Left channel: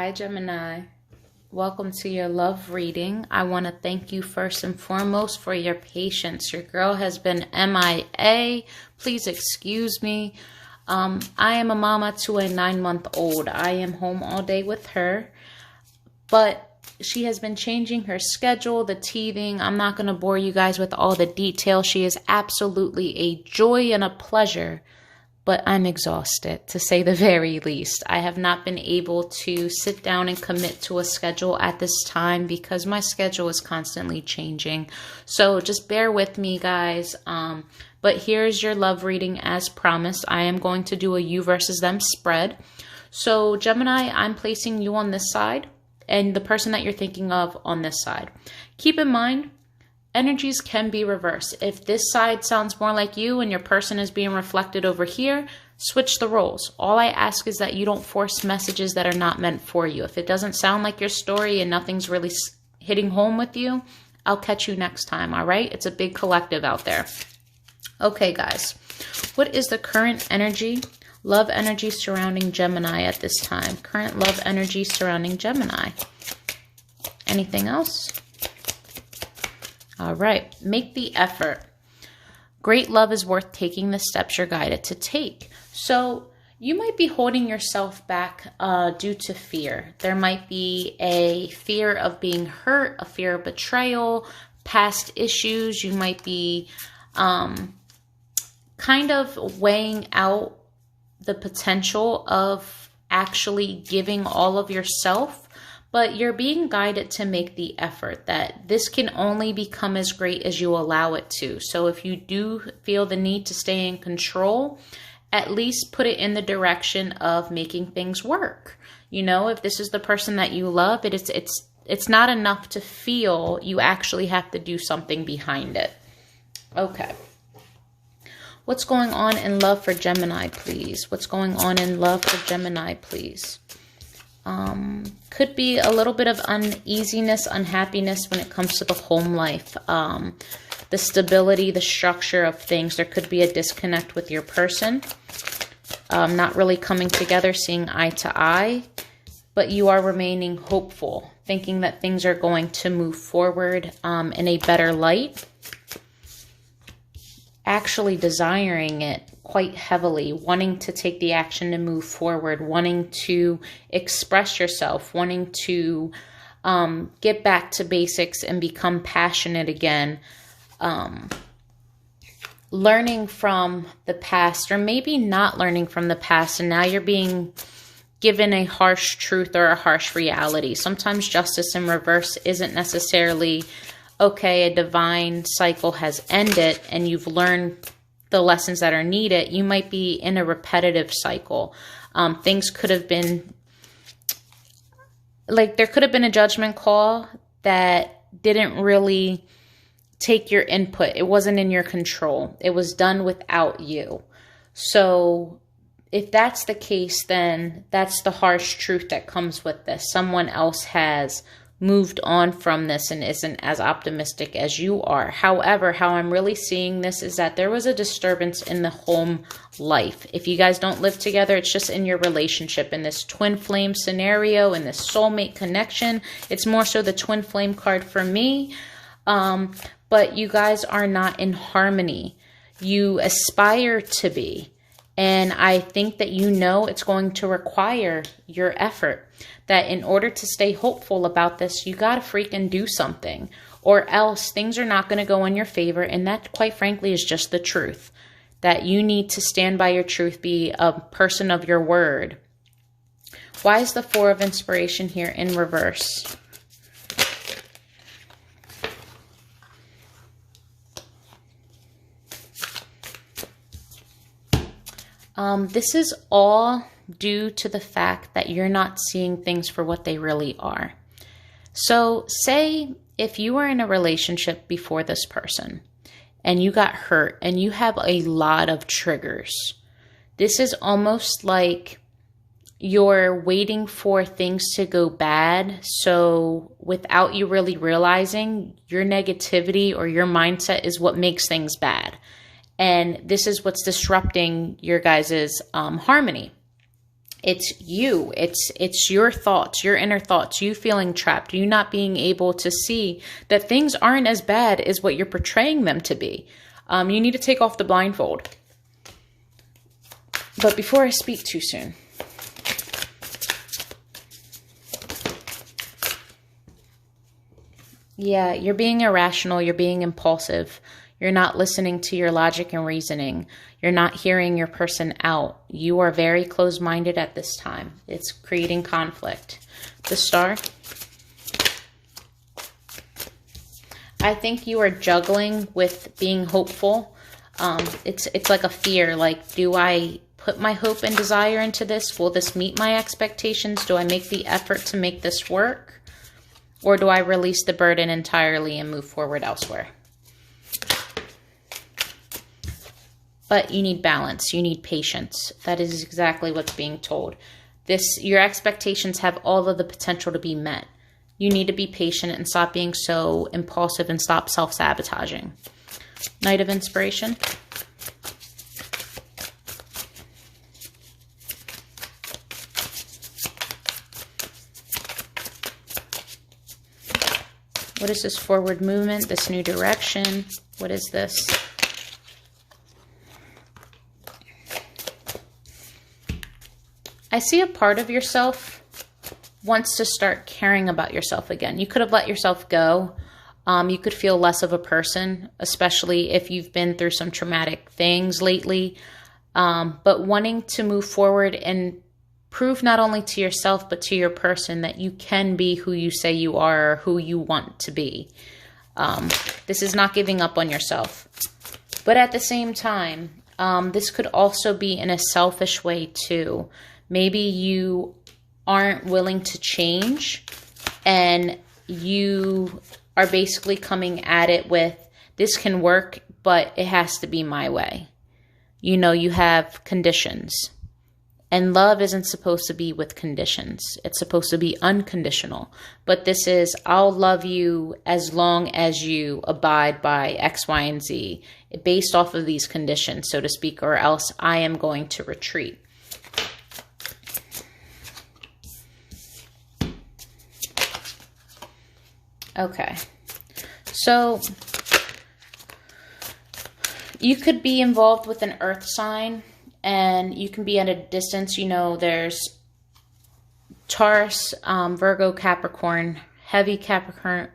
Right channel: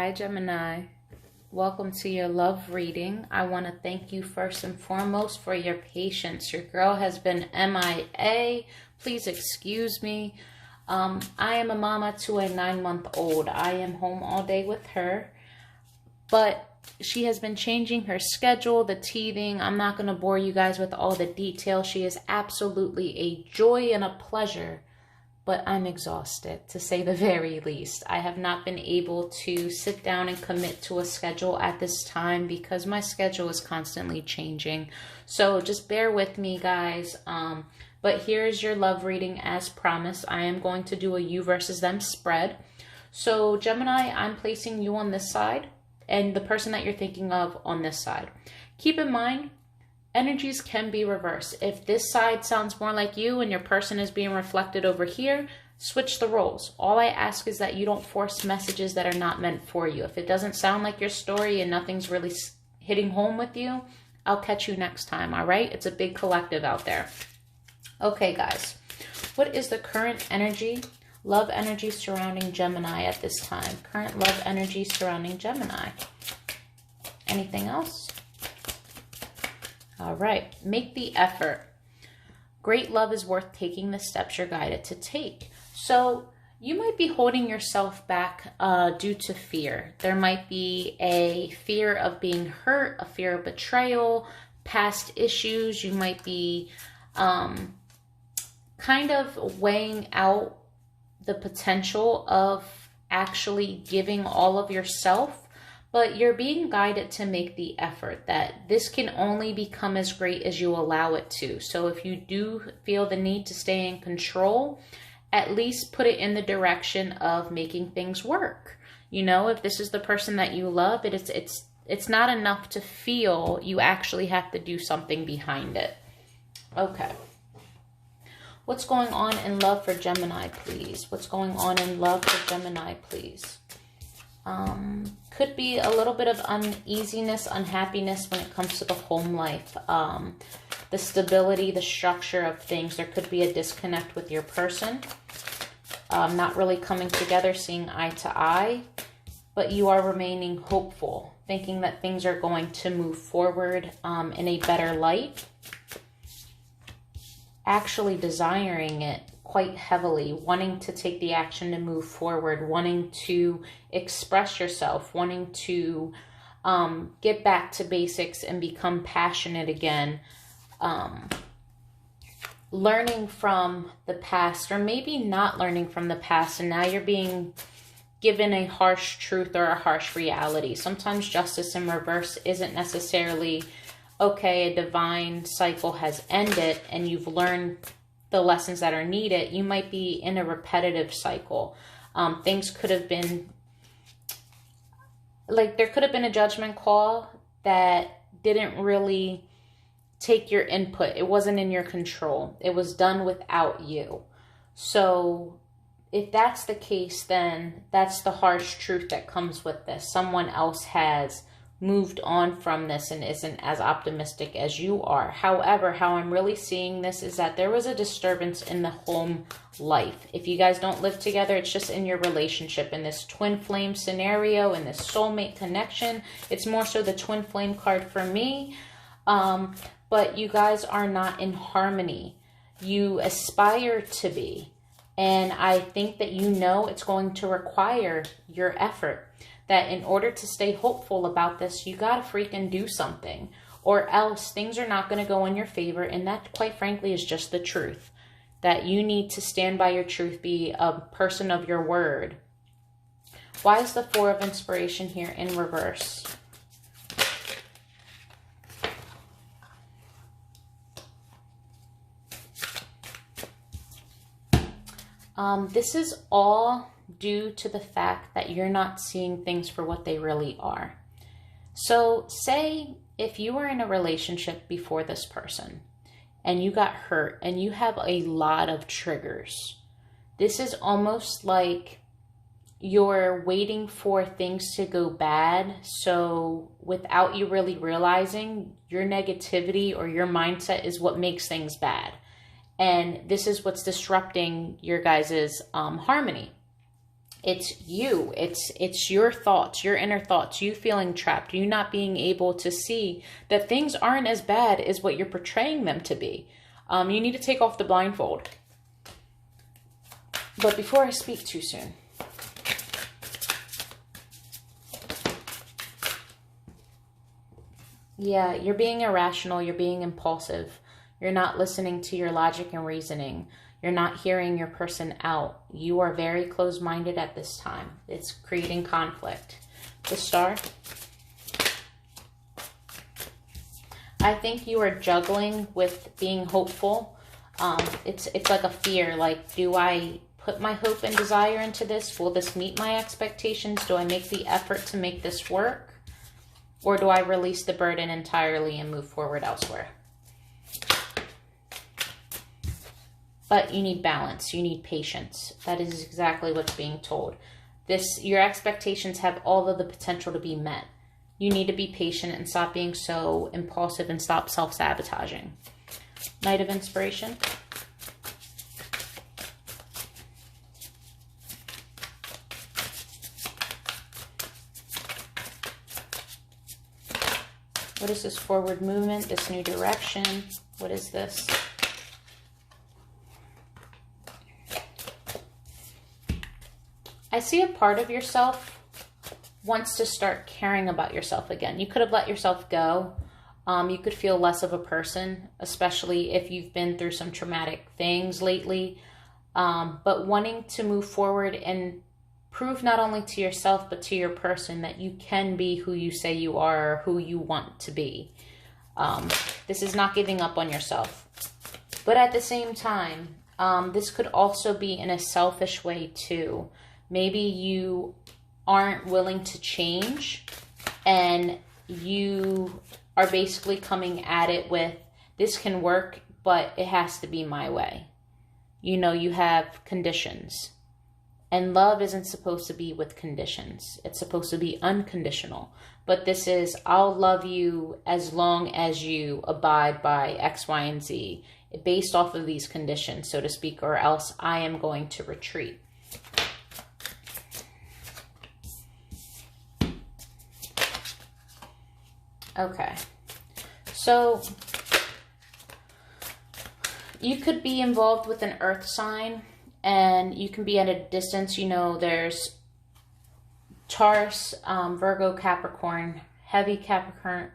Hi, Gemini. Welcome to your love reading. I want to thank you first and foremost for your patience. Your girl has been MIA. Please excuse me. I am a mama to a 9-month-old. I am home all day with her, but she has been changing her schedule, the teething. I'm not going to bore you guys with all the details. She is absolutely a joy and a pleasure, but I'm exhausted, to say the very least. I have not been able to sit down and commit to a schedule at this time because my schedule is constantly changing. So just bear with me, guys. But here's your love reading as promised. I am going to do a you versus them spread. So Gemini, I'm placing you on this side and the person that you're thinking of on this side. Keep in mind, energies can be reversed. If this side sounds more like you and your person is being reflected over here, switch the roles. All I ask is that you don't force messages that are not meant for you. If it doesn't sound like your story and nothing's really hitting home with you, I'll catch you next time, all right? It's a big collective out there. Okay, guys. What is the current energy, love energy surrounding Gemini at this time? Current love energy surrounding Gemini. Anything else? All right, make the effort. Great love is worth taking the steps you're guided to take. So you might be holding yourself back due to fear. There might be a fear of being hurt, a fear of betrayal, past issues. You might be kind of weighing out the potential of actually giving all of yourself. But you're being guided to make the effort, that this can only become as great as you allow it to. So if you do feel the need to stay in control, at least put it in the direction of making things work. You know, if this is the person that you love, it's not enough to feel. You actually have to do something behind it. Okay. What's going on in love for Gemini, please? What's going on in love for Gemini, please? Could be a little bit of uneasiness, unhappiness when it comes to the home life, the stability, the structure of things. There could be a disconnect with your person, not really coming together, seeing eye to eye, but you are remaining hopeful, thinking that things are going to move forward in a better light, actually desiring it quite heavily, wanting to take the action to move forward, wanting to express yourself, wanting to get back to basics and become passionate again, learning from the past, or maybe not learning from the past, and now you're being given a harsh truth or a harsh reality. Sometimes justice in reverse isn't necessarily, okay, a divine cycle has ended and you've learned the lessons that are needed. You might be in a repetitive cycle. Things could have been, like, there could have been a judgment call that didn't really take your input. It wasn't in your control. It was done without you. So if that's the case, then that's the harsh truth that comes with this. Someone else has moved on from this and isn't as optimistic as you are. However, how I'm really seeing this is that there was a disturbance in the home life. If you guys don't live together, it's just in your relationship, in this twin flame scenario, in this soulmate connection. It's more so the twin flame card for me. But you guys are not in harmony. You aspire to be. And I think that you know it's going to require your effort. That in order to stay hopeful about this, you got to freaking do something, or else things are not going to go in your favor. And that, quite frankly, is just the truth, that you need to stand by your truth, be a person of your word. Why is the Four of Inspiration here in reverse? This is all due to the fact that you're not seeing things for what they really are. So say if you were in a relationship before this person and you got hurt and you have a lot of triggers, this is almost like you're waiting for things to go bad. So without you really realizing, your negativity or your mindset is what makes things bad. And this is what's disrupting your guys' harmony. It's you. It's your thoughts, your inner thoughts, you feeling trapped, you not being able to see that things aren't as bad as what you're portraying them to be. You need to take off the blindfold. But before I speak too soon, yeah, you're being irrational, you're being impulsive, you're not listening to your logic and reasoning. You're not hearing your person out. You are very closed-minded at this time. It's creating conflict. The Star. I think you are juggling with being hopeful. It's like a fear. Like, do I put my hope and desire into this? Will this meet my expectations? Do I make the effort to make this work? Or do I release the burden entirely and move forward elsewhere? But you need balance. You need patience. That is exactly what's being told. Your expectations have all of the potential to be met. You need to be patient and stop being so impulsive and stop self-sabotaging. Knight of Inspiration. What is this forward movement, this new direction? What is this? I see a part of yourself wants to start caring about yourself again. You could have let yourself go. You could feel less of a person, especially if you've been through some traumatic things lately. But wanting to move forward and prove not only to yourself, but to your person that you can be who you say you are, or who you want to be. This is not giving up on yourself. But at the same time, this could also be in a selfish way too. Maybe you aren't willing to change and you are basically coming at it with, this can work, but it has to be my way. You know, you have conditions. And love isn't supposed to be with conditions. It's supposed to be unconditional. But this is, I'll love you as long as you abide by X, Y, and Z, based off of these conditions, so to speak, or else I am going to retreat. Okay, so you could be involved with an earth sign and you can be at a distance. You know, there's Taurus, Virgo, Capricorn, heavy Capricorn,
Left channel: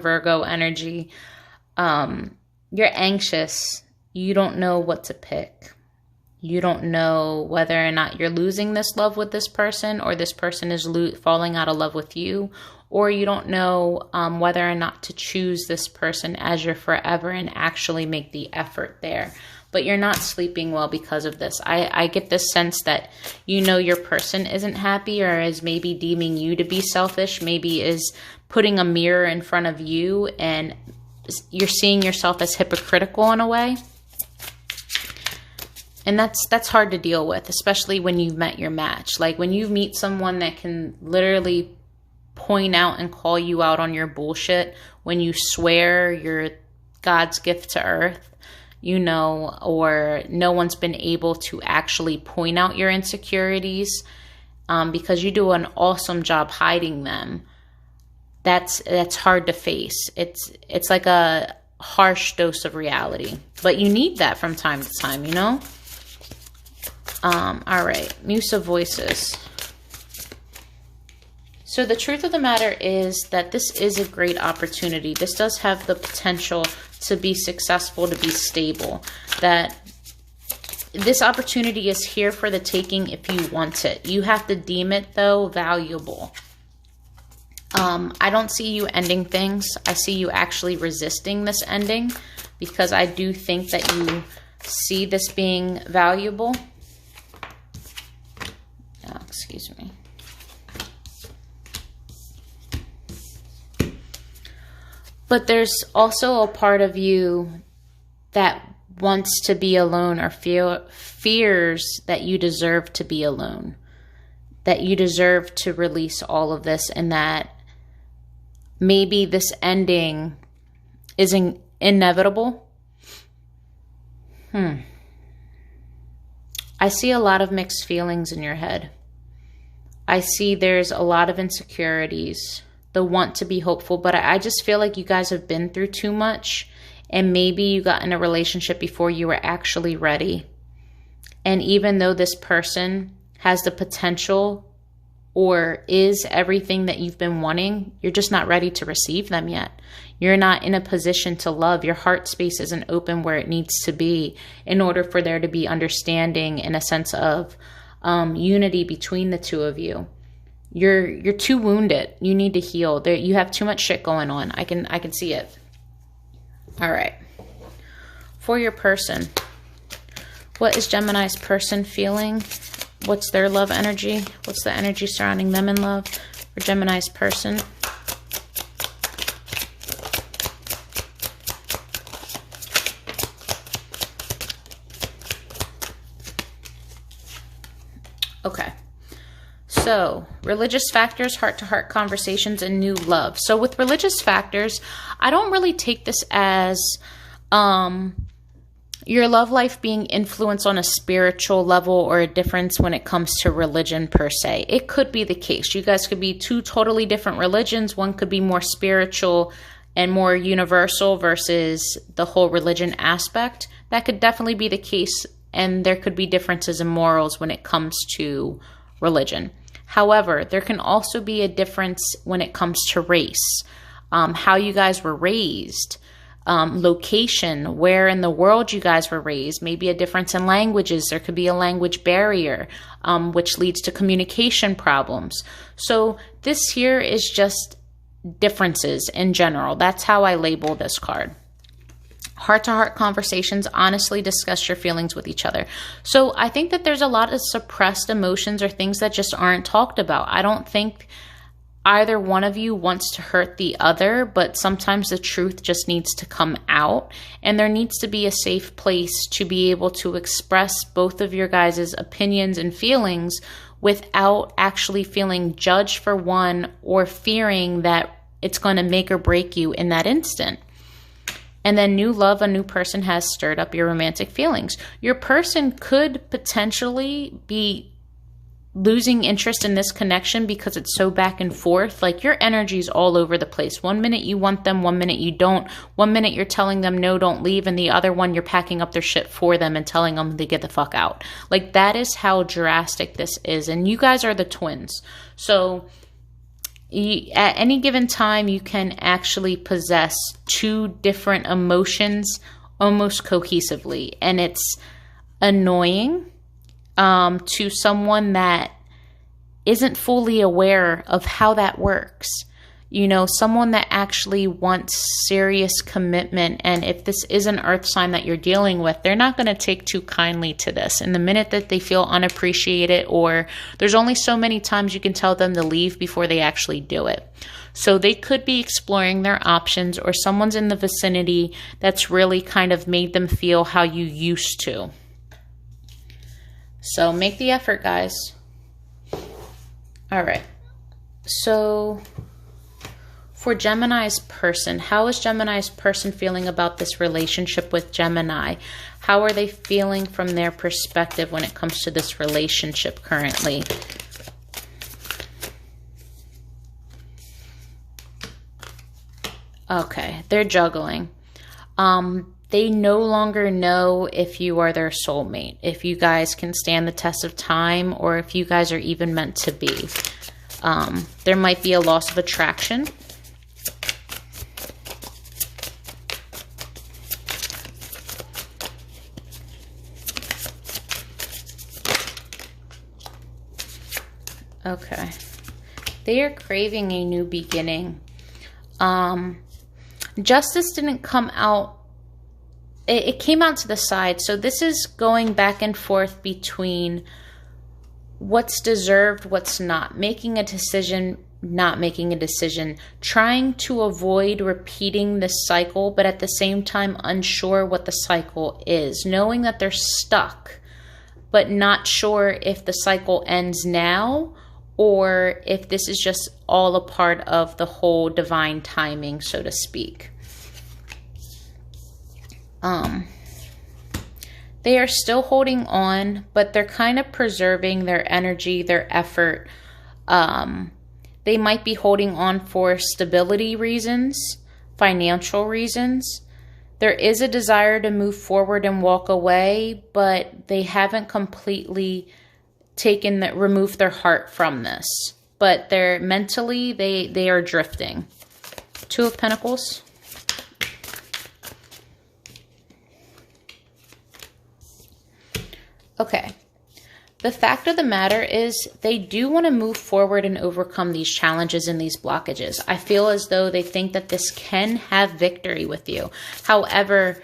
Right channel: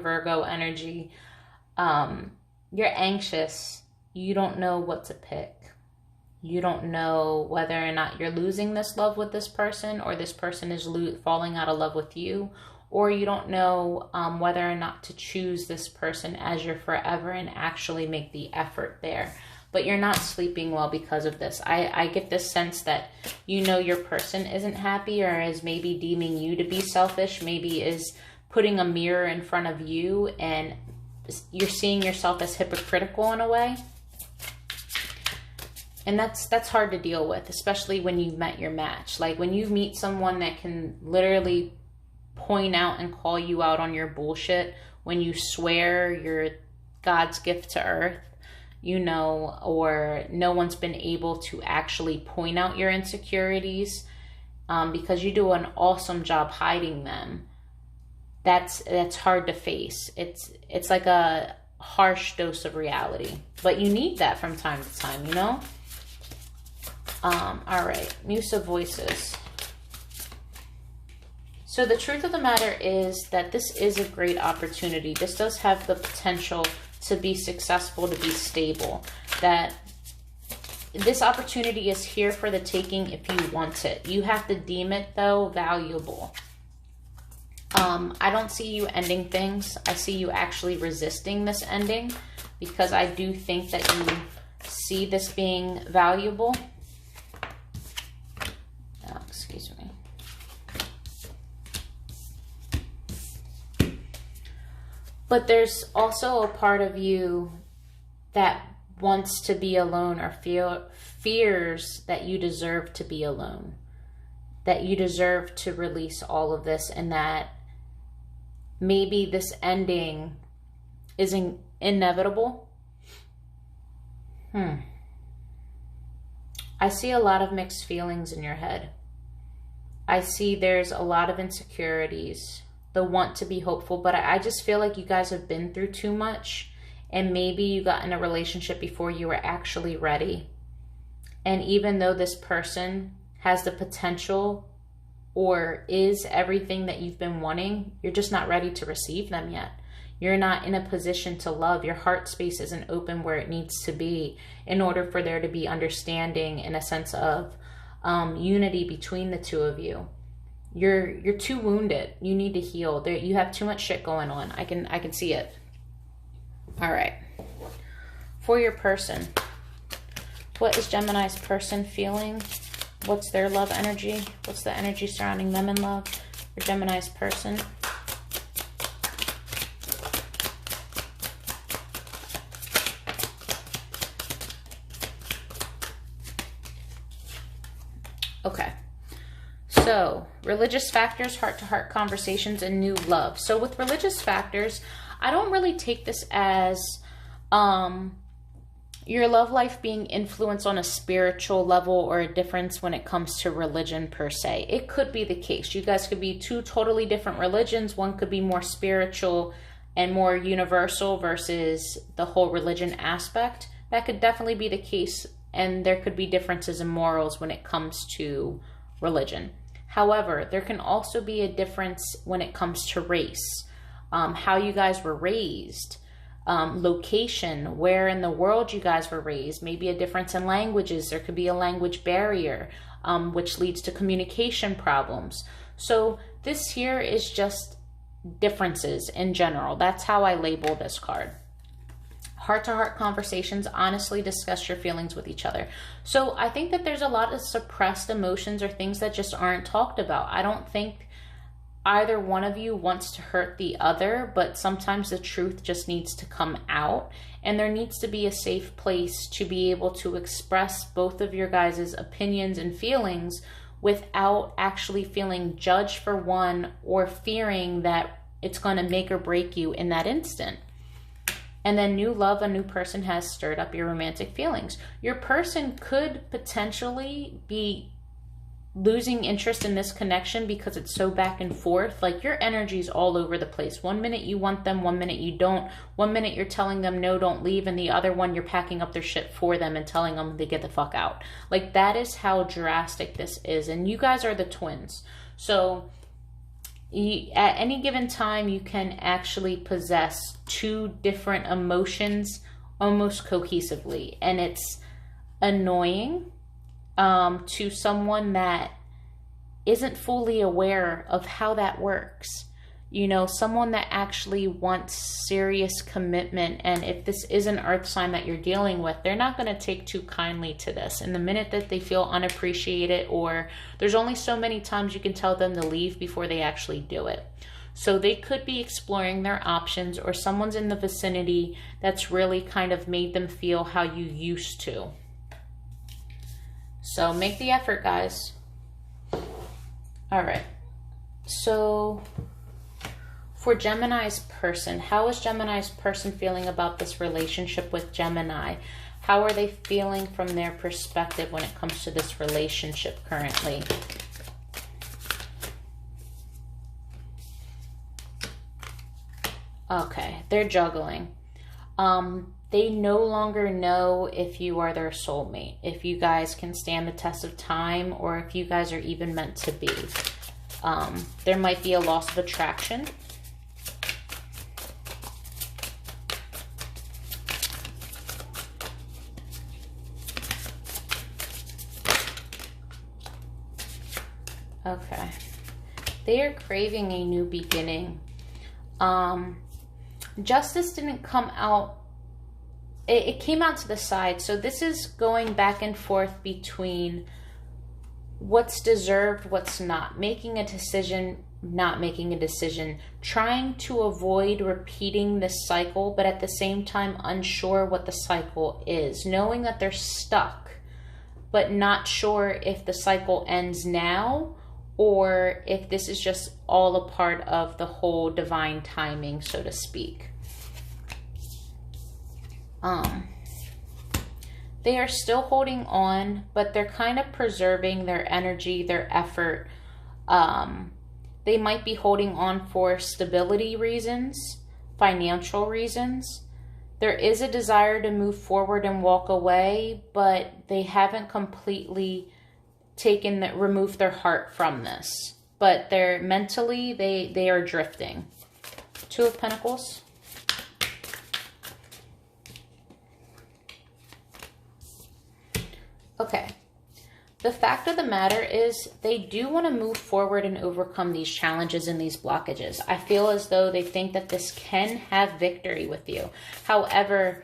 Virgo energy. You're anxious. You don't know what to pick. You don't know whether or not you're losing this love with this person or this person is falling out of love with you. Or you don't know whether or not to choose this person as your forever and actually make the effort there. But you're not sleeping well because of this. I get this sense that you know your person isn't happy or is maybe deeming you to be selfish, maybe is putting a mirror in front of you and you're seeing yourself as hypocritical in a way. And that's hard to deal with, especially when you've met your match. Like when you meet someone that can literally point out and call you out on your bullshit, when you swear you're God's gift to earth, you know, or no one's been able to actually point out your insecurities because you do an awesome job hiding them. That's hard to face. It's like a harsh dose of reality, but you need that from time to time, you know? All right, Muse of Voices. So the truth of the matter is that this is a great opportunity. This does have the potential to be successful, to be stable. That this opportunity is here for the taking if you want it. You have to deem it, though, valuable. I don't see you ending things. I see you actually resisting this ending because I do think that you see this being valuable. Oh, excuse me. But there's also a part of you that wants to be alone or fears that you deserve to be alone, that you deserve to release all of this, and that maybe this ending isn't inevitable. I I see a lot of mixed feelings in your head. I see there's a lot of insecurities, the want to be hopeful, but I just feel like you guys have been through too much, and maybe you got in a relationship before you were actually ready. And even though this person has the potential or is everything that you've been wanting, you're just not ready to receive them yet. You're not in a position to love. Your heart space isn't open where it needs to be in order for there to be understanding and a sense of unity between the two of you. You're too wounded. You need to heal. You have too much shit going on. I can see it. All right. For your person, what is Gemini's person feeling? What's their love energy? What's the energy surrounding them in love for Gemini's person? Okay. So, religious factors, heart-to-heart conversations, and new love. So with religious factors, I don't really take this as your love life being influenced on a spiritual level or a difference when it comes to religion per se. It could be the case. You guys could be two totally different religions. One could be more spiritual and more universal versus the whole religion aspect. That could definitely be the case, and there could be differences in morals when it comes to religion. However, there can also be a difference when it comes to race, how you guys were raised, location, where in the world you guys were raised, maybe a difference in languages. There could be a language barrier, which leads to communication problems. So this here is just differences in general. That's how I label this card. Heart-to-heart conversations, honestly discuss your feelings with each other. So I think that there's a lot of suppressed emotions or things that just aren't talked about. I don't think either one of you wants to hurt the other, but sometimes the truth just needs to come out, and there needs to be a safe place to be able to express both of your guys' opinions and feelings without actually feeling judged for one or fearing that it's going to make or break you in that instant. And then new love, a new person has stirred up your romantic feelings. Your person could potentially be losing interest in this connection because it's so back and forth. Like your energy's all over the place. 1 minute you want them, 1 minute you don't. 1 minute you're telling them no, don't leave, and the other one you're packing up their shit for them and telling them to get the fuck out. Like that is how drastic this is. And you guys are the twins. So at any given time, you can actually possess two different emotions almost cohesively. And it's annoying to someone that isn't fully aware of how that works. You know, someone that actually wants serious commitment. And if this is an earth sign that you're dealing with, they're not going to take too kindly to this. And the minute that they feel unappreciated, or there's only so many times you can tell them to leave before they actually do it. So they could be exploring their options, or someone's in the vicinity that's really kind of made them feel how you used to. So make the effort, guys. All right. So for Gemini's person, how is Gemini's person feeling about this relationship with Gemini? How are they feeling from their perspective when it comes to this relationship currently? Okay, they're juggling. They no longer know if you are their soulmate, if you guys can stand the test of time, or if you guys are even meant to be. There might be a loss of attraction. Okay. They are craving a new beginning. Justice didn't come out. It came out to the side. So this is going back and forth between what's deserved, what's not. Making a decision, not making a decision. Trying to avoid repeating this cycle, but at the same time unsure what the cycle is. Knowing that they're stuck, but not sure if the cycle ends now or if this is just all a part of the whole divine timing, so They are still holding on, but they're kind of preserving their energy, their effort. They might be holding on for stability reasons, financial reasons. There is a desire to move forward and walk away, but they haven't completely removed their heart from this. But they're mentally, they are drifting. Two of Pentacles. Okay. The fact of the matter is they do want to move forward and overcome these challenges and these blockages. I feel as though they think that this can have victory with you. However,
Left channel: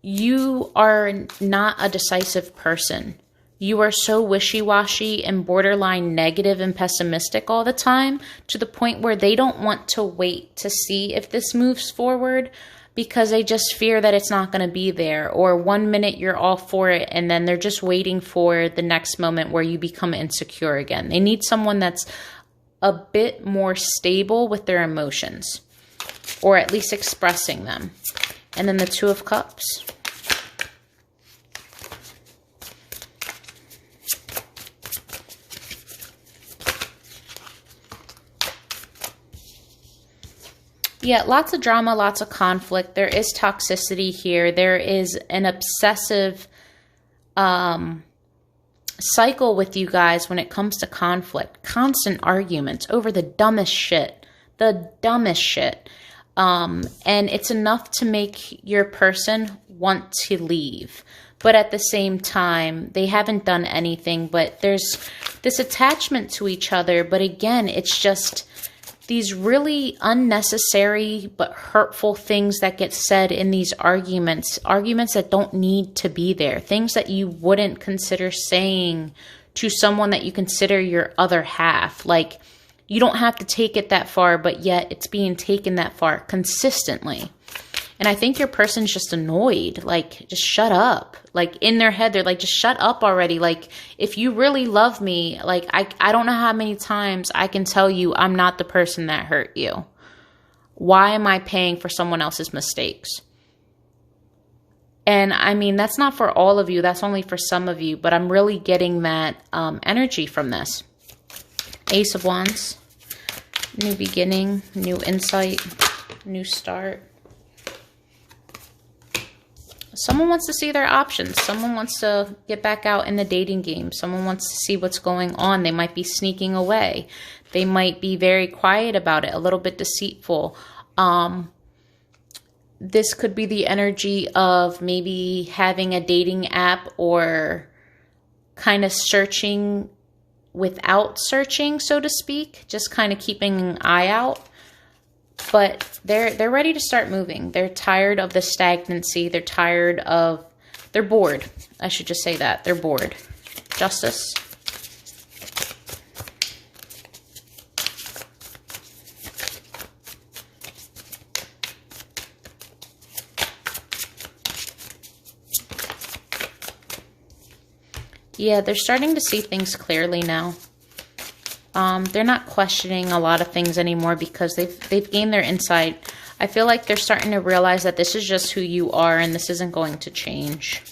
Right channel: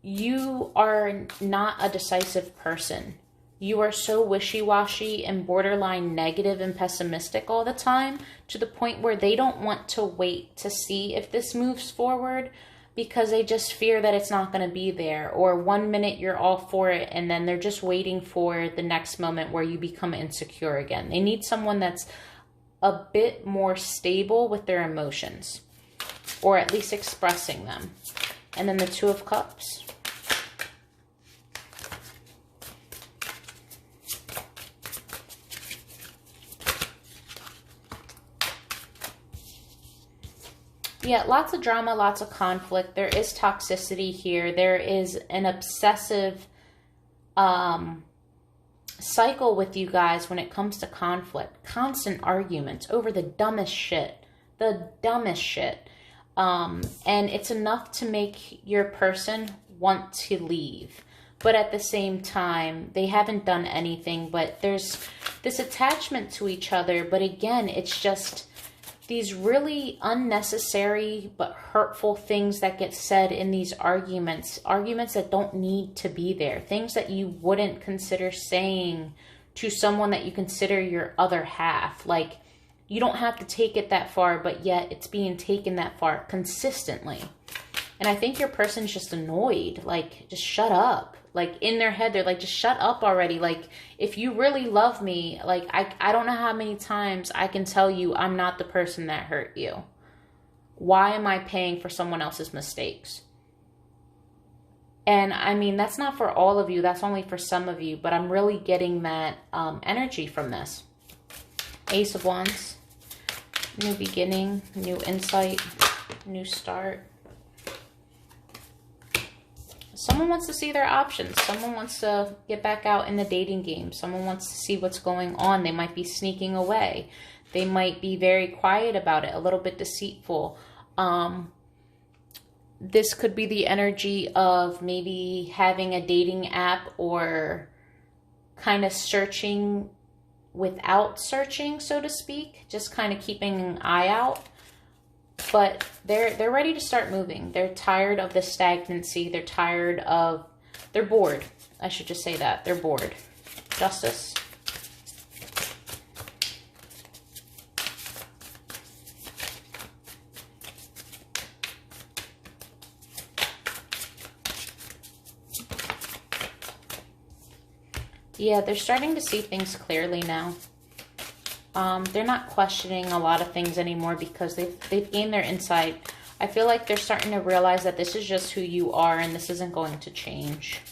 you are not a decisive person. You are so wishy-washy and borderline negative and pessimistic all the time, to the point where they don't want to wait to see if this moves forward, because they just fear that it's not going to be there. Or one minute you're all for it, and then they're just waiting for the next moment where you become insecure again. They need someone that's a bit more stable with their emotions, or at least expressing them. And then the Two of Cups. Yeah, lots of drama, lots of conflict. There is toxicity here. There is an obsessive cycle with you guys when it comes to conflict. Constant arguments over the dumbest shit. The dumbest shit. And it's enough to make your person want to leave. But at the same time, they haven't done anything. But there's this attachment to each other. But again, it's just these really unnecessary but hurtful things that get said in these arguments that don't need to be there, things that you wouldn't consider saying to someone that you consider your other half. Like, you don't have to take it that far, but yet it's being taken that far consistently. And I think your person's just annoyed. Like, just shut up. Like, in their head, they're like, just shut up already. Like, if you really love me, like, I don't know how many times I can tell you I'm not the person that hurt you. Why am I paying for someone else's mistakes? And I mean, that's not for all of you. That's only for some of you. But I'm really getting that energy from this. Ace of Wands. New beginning, new insight, new start. Someone wants to see their options. Someone wants to get back out in the dating game. Someone wants to see what's going on. They might be sneaking away. They might be very quiet about it, a little bit deceitful. This could be the energy of maybe having a dating app, or kind of searching without searching, so to speak. Just kind of keeping an eye out. But they're ready to start moving. They're tired of the stagnancy. They're bored. I should just say that. They're bored. Justice. Yeah, they're starting to see things clearly now. They're not questioning a lot of things anymore because they've gained their insight. I feel like they're starting to realize that this is just who you are and this isn't going to change.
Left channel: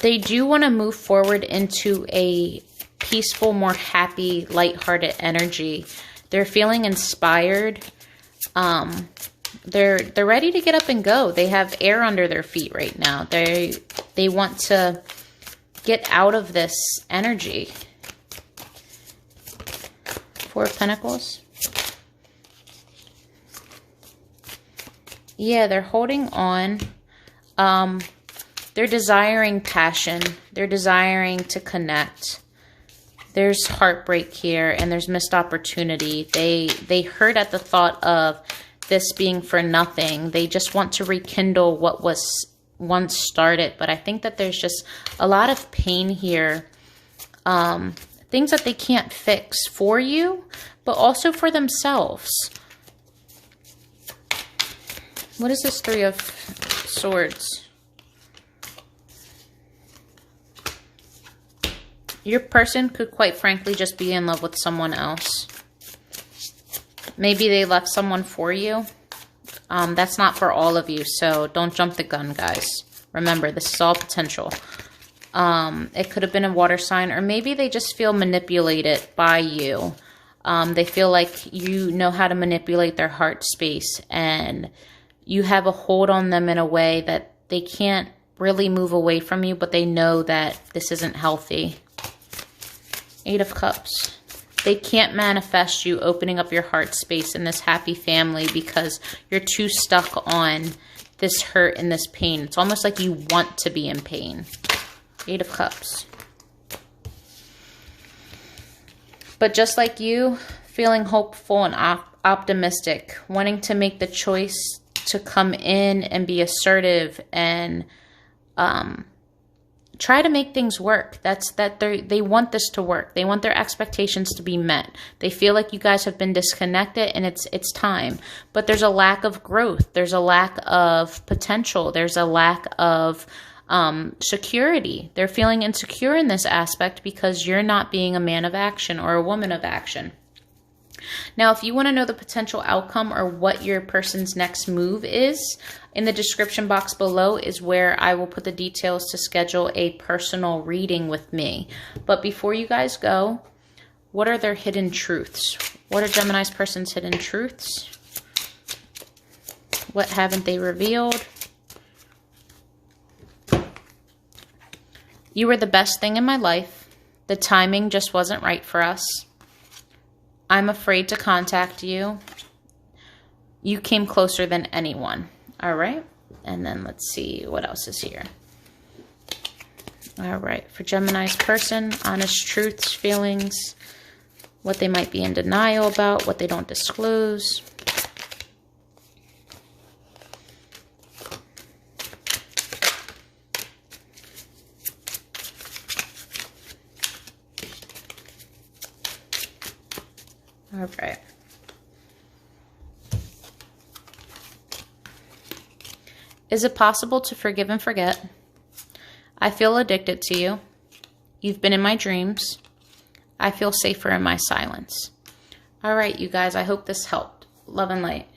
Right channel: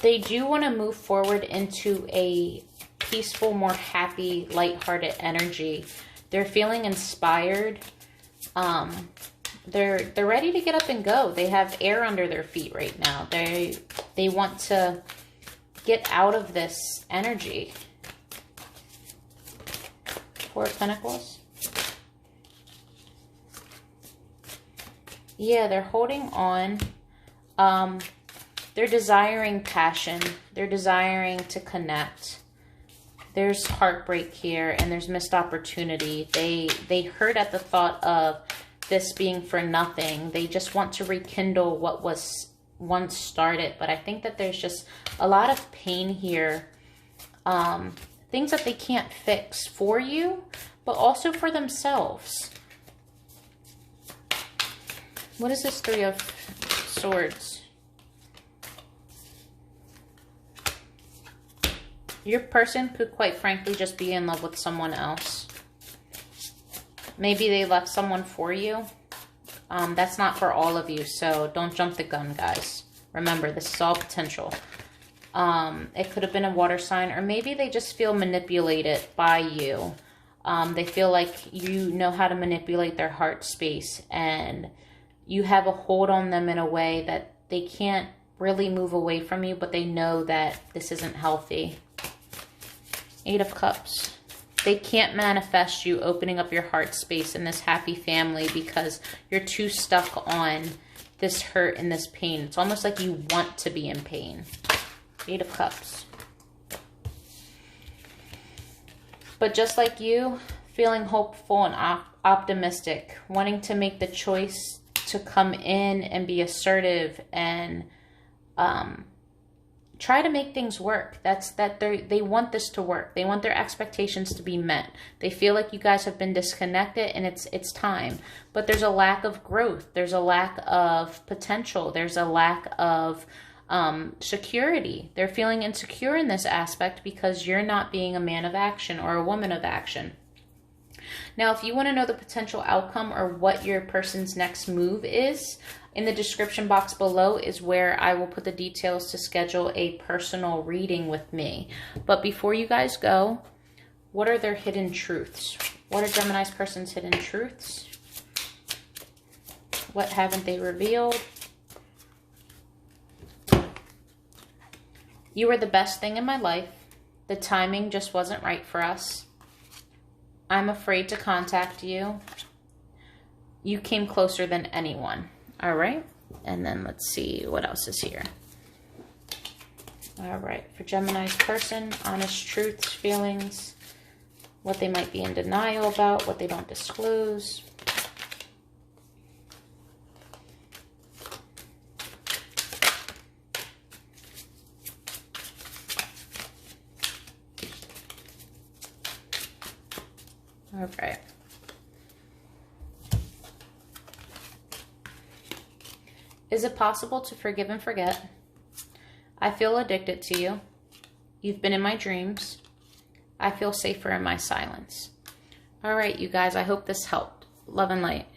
They do want to move forward into a peaceful, more happy, lighthearted energy. They're feeling inspired. They're ready to get up and go. They have air under their feet right now. They want to get out of this energy. Four of Pentacles. Yeah, they're holding on. They're desiring passion. They're desiring to connect. There's heartbreak here, and there's missed opportunity. They hurt at the thought of this being for nothing. They just want to rekindle what was once started. But I think that there's just a lot of pain here. Things that they can't fix for you, but also for themselves. What is this Three of Swords? Your person could quite frankly just be in love with someone else. Maybe they left someone for you. That's not for all of you, so don't jump the gun, guys. Remember, this is all potential. It could have been a water sign, or maybe they just feel manipulated by you. They feel like you know how to manipulate their heart space, and you have a hold on them in a way that they can't really move away from you, but they know that this isn't healthy. 8 of Cups. They can't manifest you opening up your heart space in this happy family because you're too stuck on this hurt and this pain. It's almost like you want to be in pain. 8 of Cups. But just like you, feeling hopeful and optimistic, wanting to make the choice to come in and be assertive and try to make things work. They want this to work. They want their expectations to be met. They feel like you guys have been disconnected and it's time. But there's a lack of growth. There's a lack of potential. There's a lack of security. They're feeling insecure in this aspect because you're not being a man of action or a woman of action. Now, if you want to know the potential outcome or what your person's next move is, in the description box below is where I will put the details to schedule a personal reading with me. But before you guys go, what are their hidden truths? What are Gemini's person's hidden truths? What haven't they revealed? You were the best thing in my life. The timing just wasn't right for us. I'm afraid to contact you. You came closer than anyone. All right. And then let's see what else is here. All right. For Gemini's person, honest truths, feelings, what they might be in denial about, what they don't disclose. All right. Is it possible to forgive and forget? I feel addicted to you. You've been in my dreams. I feel safer in my silence. All right, you guys, I hope this helped. Love and light.